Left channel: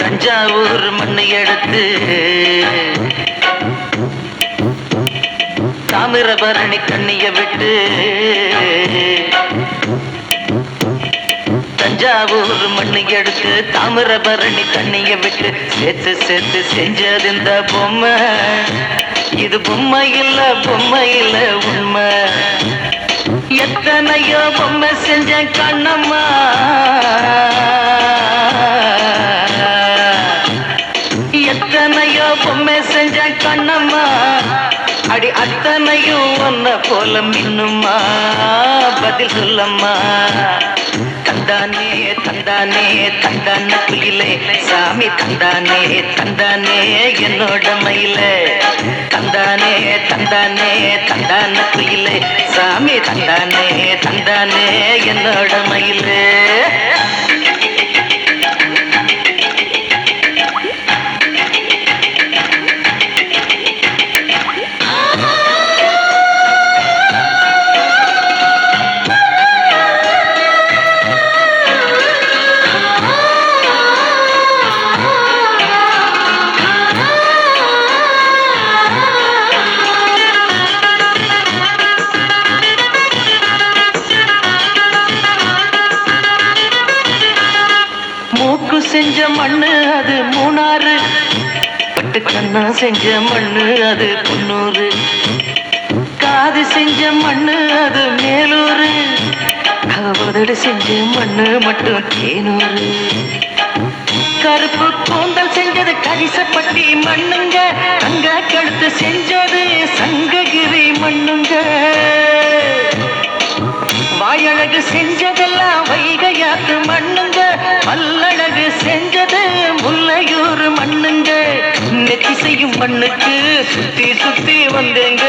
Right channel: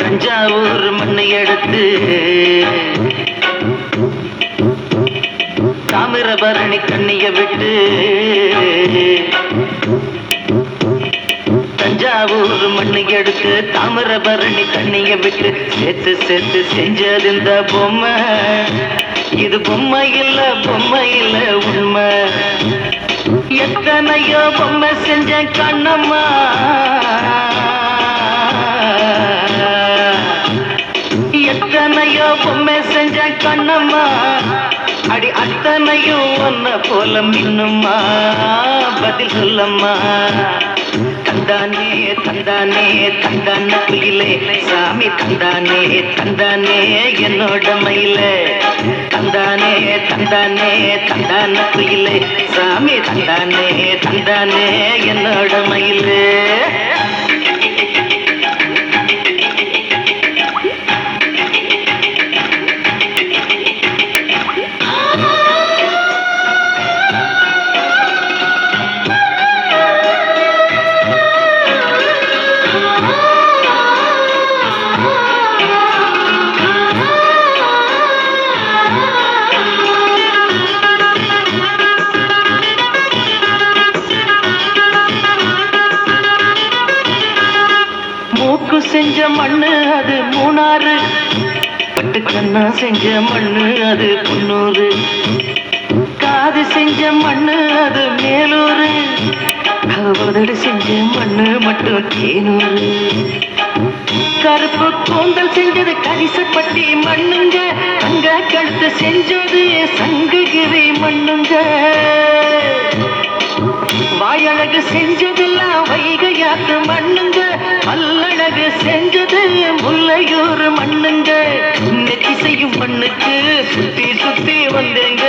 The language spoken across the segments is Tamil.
தஞ்சாவூர் மண்ணை எடுத்து தாமிரபரணி கண்ணிய விட்டு தஞ்சாவூர் மண்ணை எடுத்து தாமிரபரணி கண்ணிய விட்டு சேர்த்து சேர்த்து செஞ்சது இந்த பொம்மை. இது பொம்மை இல்ல உண்மை. எத்தனையோ பொம்மை செஞ்சேன் கண்ணம்மா, எத்தனையோ பொம்மை செஞ்சேன் கண்ணம்மா. அடி அத்தனையும் ஒன்ன போல மின்னுமா, பதில் சொல்லம்மா. தந்தானே தந்தானே தந்தான குயிலே சாமி, தந்தானே தந்தானே என்னோட மயிலே. தந்தானே தந்தானே தந்தான குயிலே சாமி, தந்தானே தந்தானே என்னோட மயிலே. மூக்கு செஞ்ச மண்ணு அது மூணாறு, பட்டு கண்ணா செஞ்ச மண்ணு அது குன்னூரு, காது செஞ்ச மண்ணு அது மேலூரு, உதடு செஞ்ச மண்ணு மட்டும் தேனூரு. கருப்பு கூந்தல் செஞ்சது கரிசப்பட்டி மண்ணுங்க, தங்க கழுத்து செஞ்சது சங்ககிரி மண்ணுங்க. வாயழகு செஞ்சதெல்லாம் வைகையாத்து மண்ணுங்க, பல்லழகு செஞ்சது முல்லையூர் மண்ணுங்க. நெத்தி செய்யும் மண்ணுக்கு சுத்தி சுத்தி வந்தேங்க,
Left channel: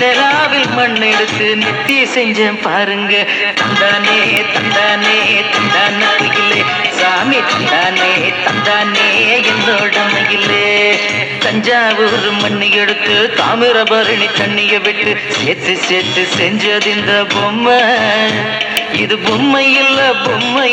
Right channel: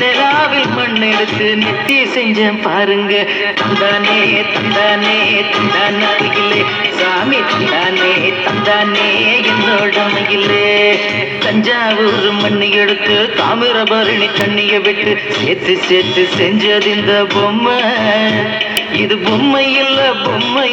நிலாவில் மண் எடுத்து நெத்தி செஞ்சேன் பாருங்க. தந்தானே தந்தானே தந்தான குயிலே சாமி, தந்தானே தந்தானே என்னோட மகிலே. தஞ்சாவூர் மண்ணை எடுத்து தாமிரபரணி தண்ணிய விட்டு சேர்த்து சேர்த்து செஞ்சது இந்த பொம்மை. இது பொம்மை இல்ல பொம்மை.